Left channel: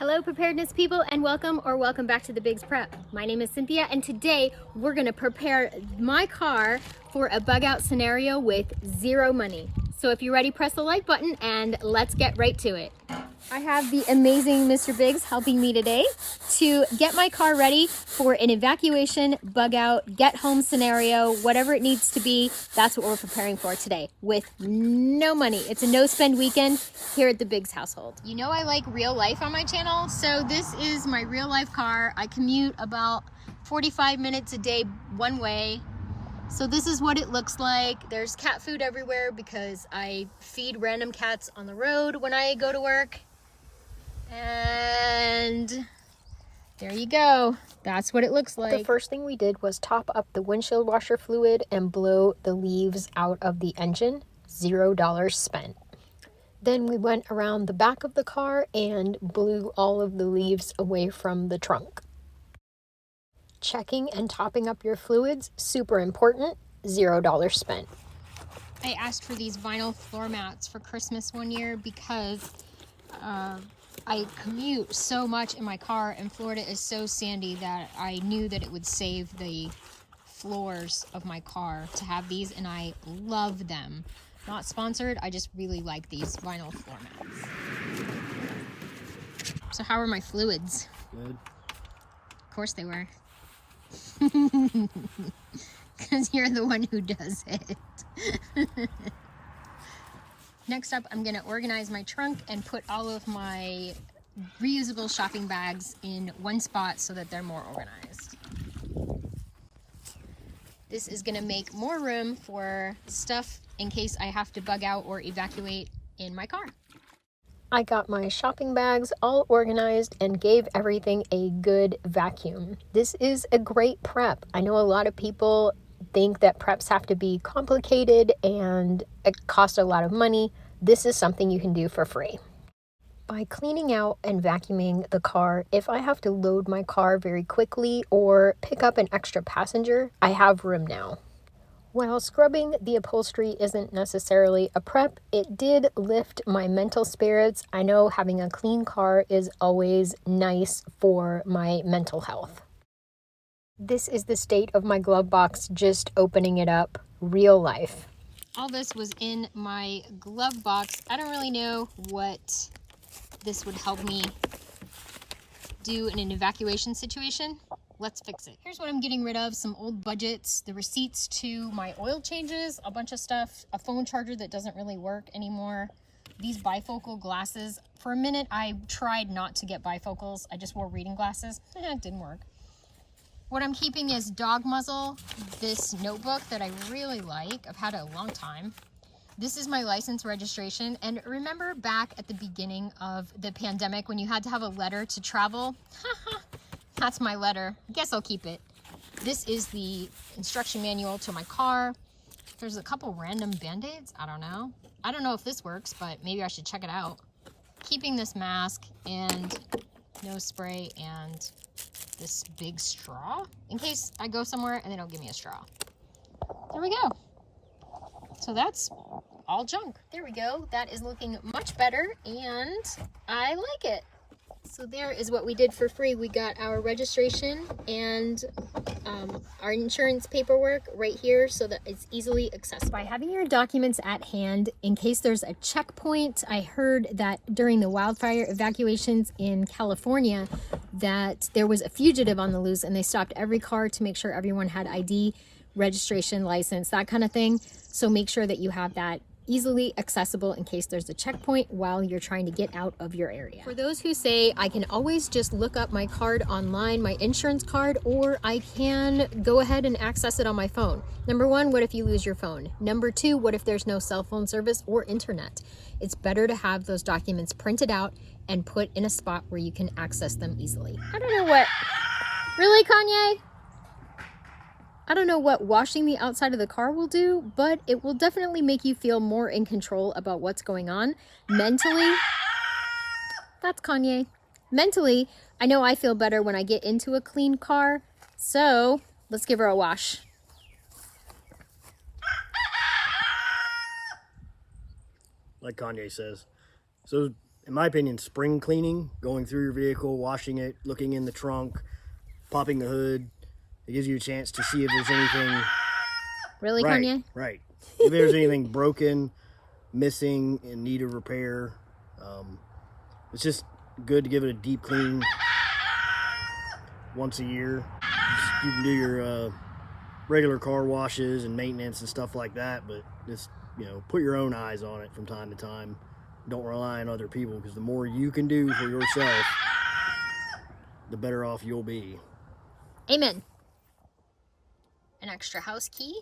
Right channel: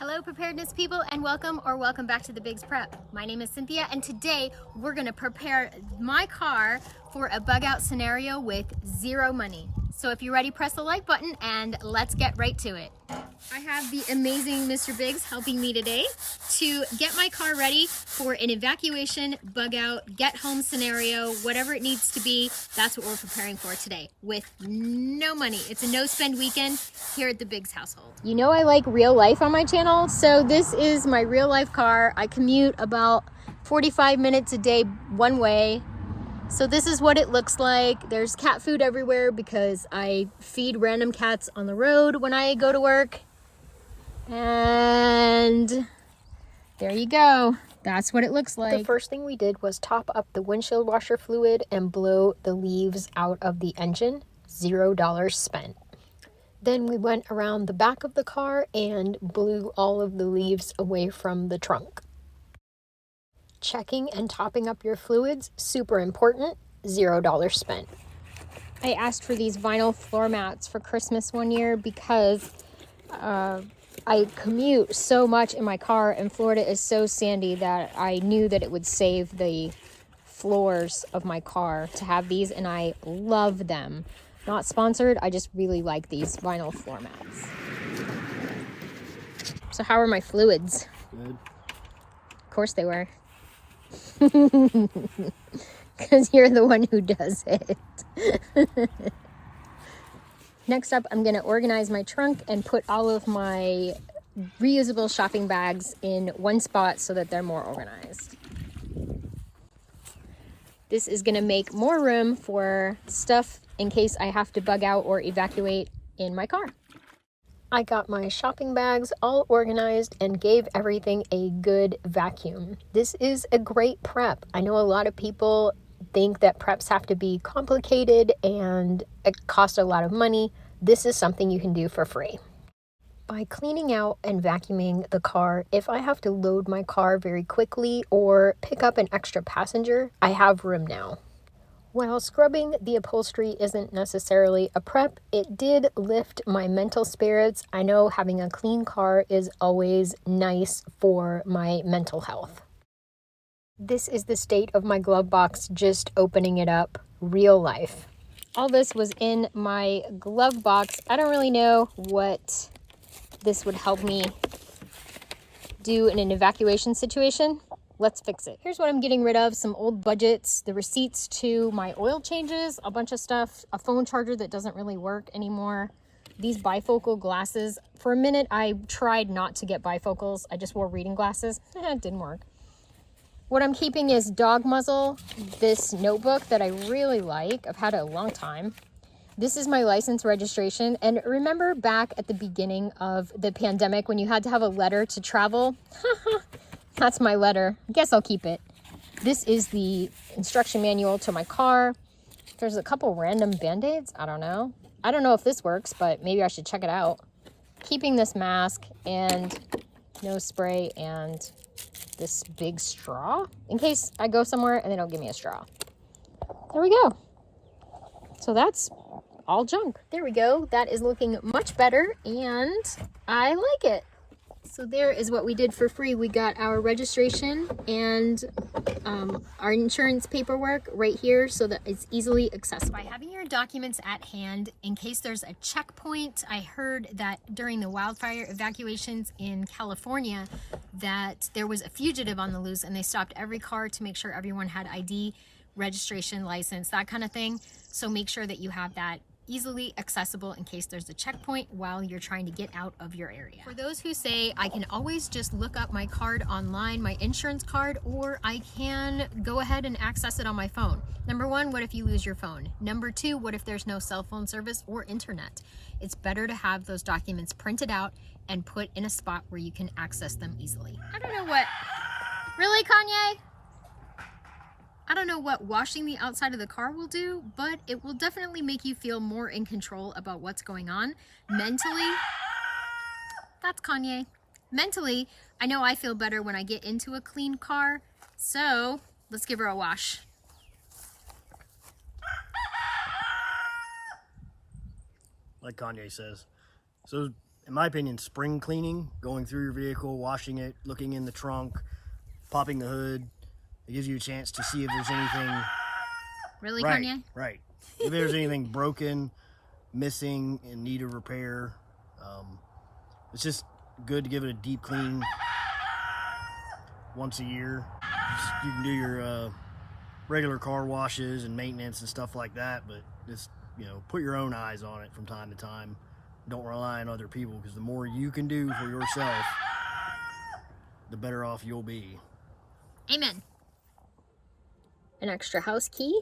Hello preparedness people, and welcome back to the Biggs Prep. My name is Cynthia, and today we're gonna prepare my car for a bug out scenario with zero money. So if you're ready, press the like button and let's get right to it. I have the amazing Mr. Biggs helping me today to get my car ready for an evacuation, bug out, get home scenario, whatever it needs to be. That's what we're preparing for today with no money. It's a no spend weekend here at the Biggs household. You know I like real life on my channel, so this is my real life car. I commute about 45 minutes a day one way. So this is what it looks like. There's cat food everywhere because I feed random cats on the road when I go to work. And there you go. That's what it looks like. The first thing we did was top up the windshield washer fluid and blow the leaves out of the engine. $0 spent. Then we went around the back of the car and blew all of the leaves away from the trunk. Checking and topping up your fluids, super important. $0 spent. I asked for these vinyl floor mats for Christmas one year because I commute so much in my car, and Florida is so sandy that I knew that it would save the floors of my car to have these, and I love them. Not sponsored, I just really like these vinyl floor mats. So how are my fluids? Good. Of course they were. Because you're the one who does it. Next up, I'm gonna organize my trunk and put all of my reusable shopping bags in one spot so that they're more organized. This is gonna make more room for stuff in case I have to bug out or evacuate in my car. I got my shopping bags all organized and gave everything a good vacuum. This is a great prep. I know a lot of people think that preps have to be complicated and it costs a lot of money. This is something you can do for free. By cleaning out and vacuuming the car, if I have to load my car very quickly or pick up an extra passenger, I have room now. While scrubbing the upholstery isn't necessarily a prep, it did lift my mental spirits. I know having a clean car is always nice for my mental health. This is the state of my glove box, just opening it up, real life. All this was in my glove box. I don't really know what this would help me do in an evacuation situation. Let's fix it. Here's what I'm getting rid of: some old budgets, the receipts to my oil changes, a bunch of stuff, a phone charger that doesn't really work anymore, these bifocal glasses. For a minute, I tried not to get bifocals. I just wore reading glasses. It didn't work. What I'm keeping is dog muzzle, this notebook that I really like. I've had it a long time. This is my license registration. And remember back at the beginning of the pandemic when you had to have a letter to travel? That's my letter. I guess I'll keep it. This is the instruction manual to my car. There's a couple random band-aids. I don't know. I don't know if this works, but maybe I should check it out. Keeping this mask and nose spray and this big straw in case I go somewhere and they don't give me a straw. There we go. So that's all junk. There we go. That is looking much better and I like it. So there is what we did for free. We got our registration and our insurance paperwork right here so that it's easily accessible. By having your documents at hand in case there's a checkpoint. I heard that during the wildfire evacuations in California that there was a fugitive on the loose and they stopped every car to make sure everyone had ID, registration, license, that kind of thing. So make sure that you have that easily accessible in case there's a checkpoint while you're trying to get out of your area. For those who say I can always just look up my card online, my insurance card, or I can go ahead and access it on my phone. Number one, what if you lose your phone? Number two, what if there's no cell phone service or internet? It's better to have those documents printed out and put in a spot where you can access them easily. I don't know what, really, Kanye? I don't know what washing the outside of the car will do, but it will definitely make you feel more in control about what's going on. Mentally, that's Kanye. Mentally, I know I feel better when I get into a clean car, so let's give her a wash. Like Kanye says. So in my opinion, spring cleaning, going through your vehicle, washing it, looking in the trunk, popping the hood. It gives you a chance to see if there's anything. Really, Right, Kanye? right. If there's anything broken, missing, in need of repair. It's just good to give it a deep clean once a year. You can do your regular car washes and maintenance and stuff like that, but just, you know, put your own eyes on it from time to time. Don't rely on other people, because the more you can do for yourself, the better off you'll be. Amen. An extra house key.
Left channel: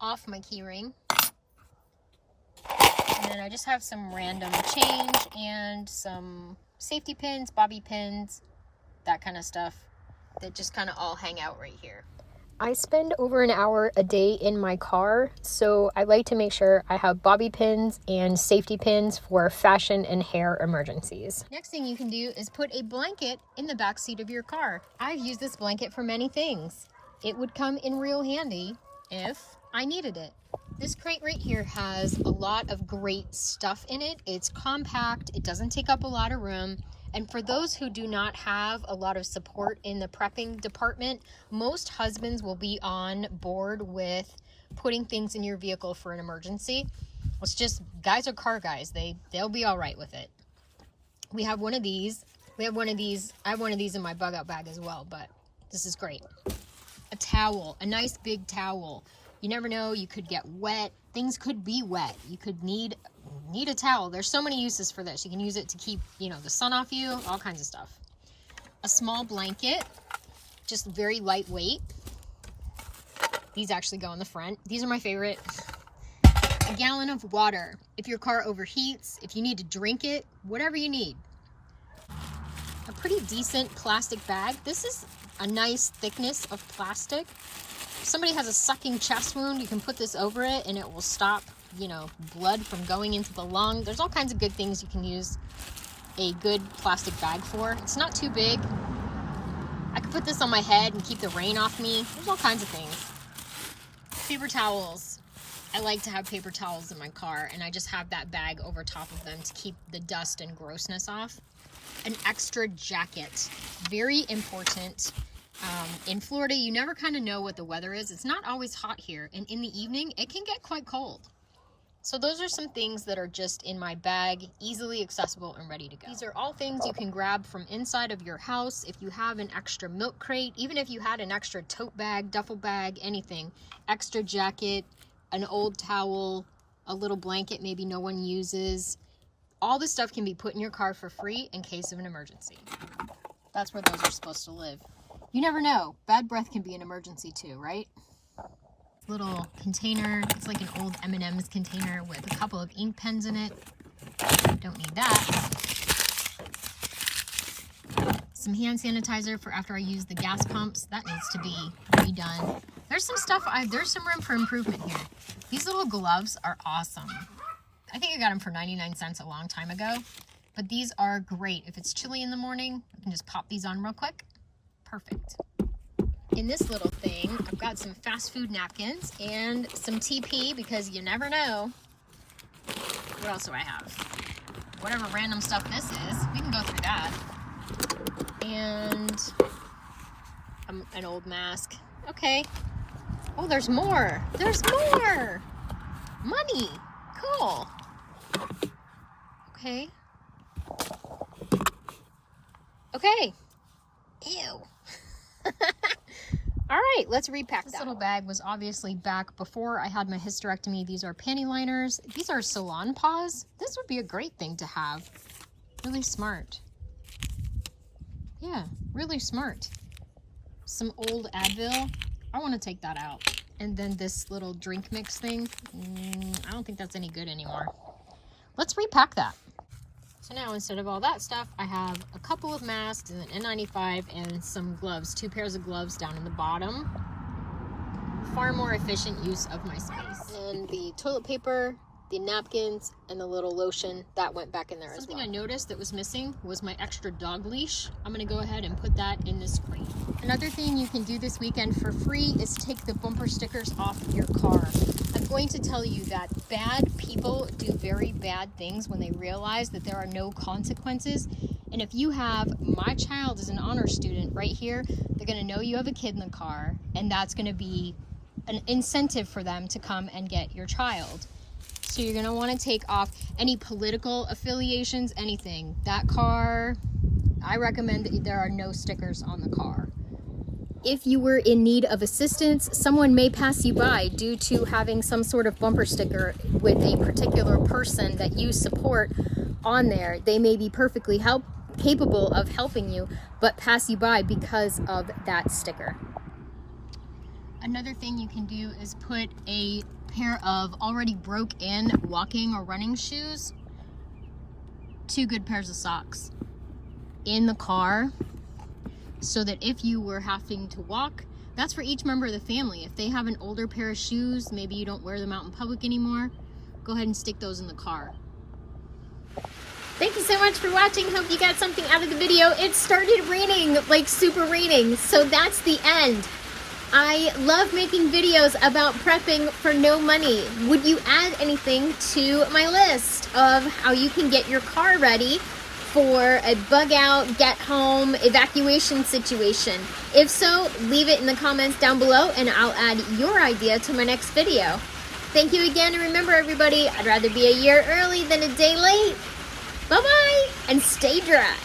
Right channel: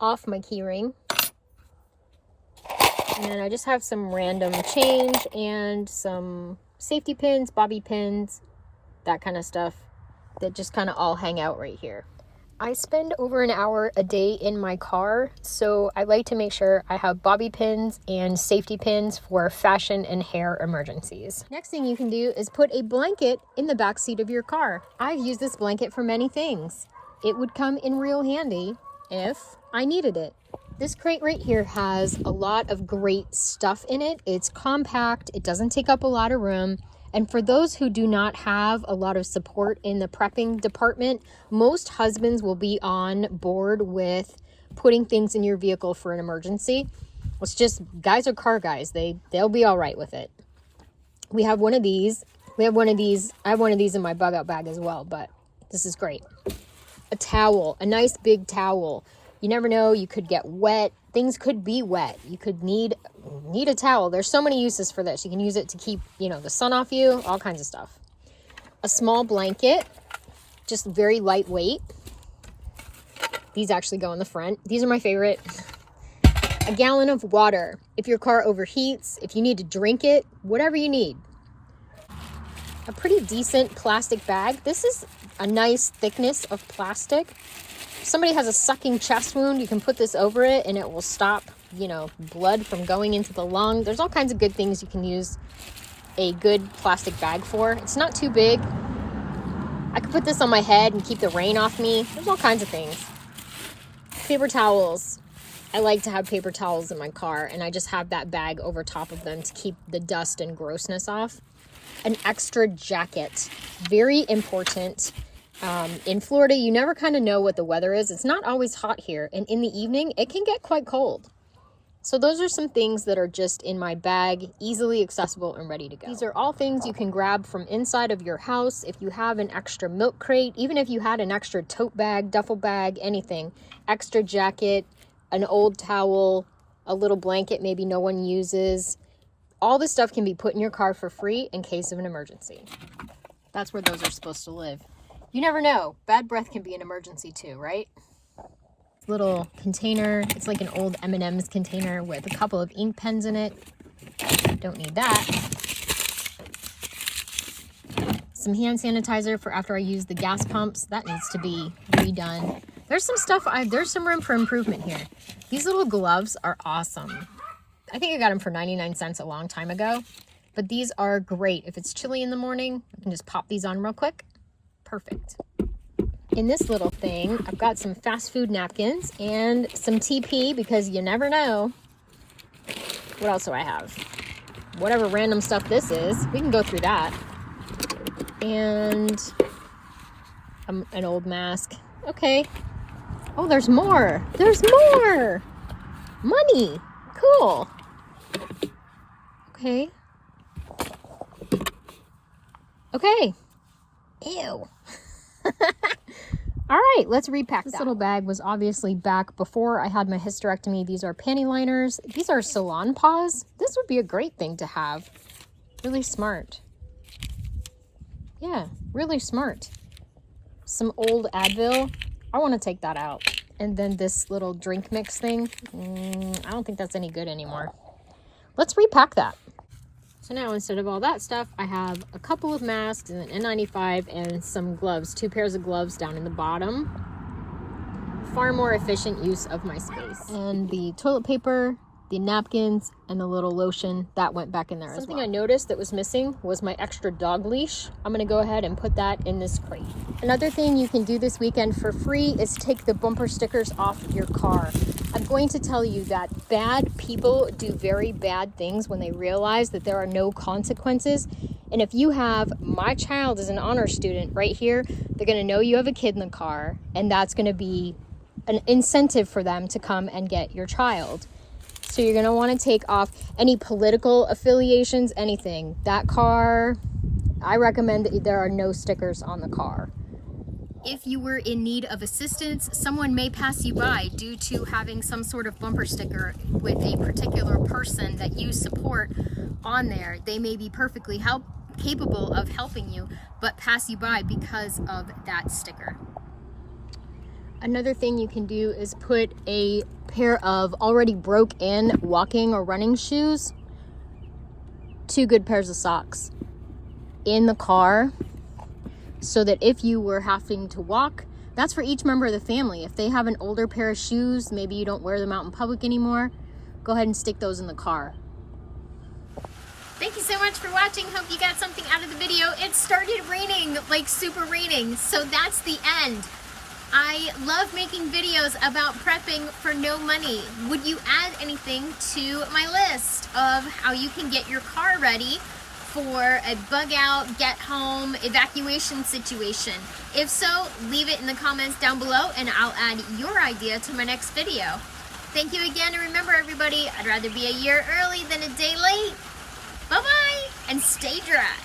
Off my key ring. And then I just have some random change and some safety pins, bobby pins, that kind of stuff that just kind of all hang out right here. I spend over an hour a day in my car, so I like to make sure I have bobby pins and safety pins for fashion and hair emergencies. Next thing you can do is put a blanket in the back seat of your car. I've used this blanket for many things. It would come in real handy if I needed it. This crate right here has a lot of great stuff in it. It's compact, it doesn't take up a lot of room. And for those who do not have a lot of support in the prepping department, most husbands will be on board with putting things in your vehicle for an emergency. It's just, guys are car guys. They'll be all right with it. We have one of these. I have one of these in my bug out bag as well, but this is great. A towel, a nice big towel. You never know, you could get wet. Things could be wet. You could need a towel. There's so many uses for this. You can use it to keep, you know, the sun off you, all kinds of stuff. A small blanket, just very lightweight. These actually go in the front. These are my favorite. A gallon of water. If your car overheats, if you need to drink it, whatever you need. A pretty decent plastic bag. This is a nice thickness of plastic. If somebody has a sucking chest wound, you can put this over it and it will stop, you know, blood from going into the lung. There's all kinds of good things you can use a good plastic bag for. It's not too big. I could put this on my head and keep the rain off me. There's all kinds of things. Paper towels. I like to have paper towels in my car, and I just have that bag over top of them to keep the dust and grossness off. An extra jacket. Very important. In Florida, you never kind of know what the weather is. It's not always hot here, and in the evening, it can get quite cold. So those are some things that are just in my bag, easily accessible and ready to go. These are all things you can grab from inside of your house. If you have an extra milk crate, even if you had an extra tote bag, duffel bag, anything, extra jacket, an old towel, a little blanket maybe no one uses, all this stuff can be put in your car for free in case of an emergency. That's where those are supposed to live. You never know. Bad breath can be an emergency too, right? Little container. It's like an old M&M's container with a couple of ink pens in it. Don't need that. Some hand sanitizer for after I use the gas pumps. That needs to be redone. There's some stuff, there's some room for improvement here. These little gloves are awesome. I think I got them for 99 cents a long time ago, but these are great. If it's chilly in the morning, I can just pop these on real quick. Perfect. In this little thing, I've got some fast food napkins and some TP because you never know. What else do I have? Whatever random stuff this is, we can go through that. And an old mask. Okay. Oh, there's more. There's more. Money. Cool. Okay. Okay. Ew. All right, let's repack this little bag was obviously back before I had my hysterectomy. These are panty liners. These are salon paws. This would be a great thing to have. Really smart. Yeah, really smart. Some old Advil. I want to take that out. And then this little drink mix thing. I don't think that's any good anymore. Let's repack that. So now instead of all that stuff, I have a couple of masks and an N95 and some gloves, 2 pairs of gloves down in the bottom. Far more efficient use of my space. And the toilet paper, the napkins, and the little lotion that went back in there. Something I noticed that was missing was my extra dog leash. I'm gonna go ahead and put that in this crate. Another thing you can do this weekend for free is take the bumper stickers off your car. I'm going to tell you that bad people do very bad things when they realize that there are no consequences. And if you have my child as an honor student right here, they're gonna know you have a kid in the car, and that's gonna be an incentive for them to come and get your child. So you're gonna wanna take off any political affiliations, anything. That car, I recommend that there are no stickers on the car. If you were in need of assistance, someone may pass you by due to having some sort of bumper sticker with a particular person that you support on there. They may be perfectly capable of helping you, but pass you by because of that sticker. Another thing you can do is put a pair of already broke-in walking or running shoes, 2 good pairs of socks in the car, so that if you were having to walk, that's for each member of the family. If they have an older pair of shoes, maybe you don't wear them out in public anymore, go ahead and stick those in the car. Thank you so much for watching. Hope you got something out of the video. It started raining, like super raining, so that's the end. I love making videos about prepping for no money. Would you add anything to my list of how you can get your car ready for a bug out, get home, evacuation situation? If so, leave it in the comments down below and I'll add your idea to my next video. Thank you again, and remember everybody, I'd rather be a year early than a day late. Bye-bye, and stay dry.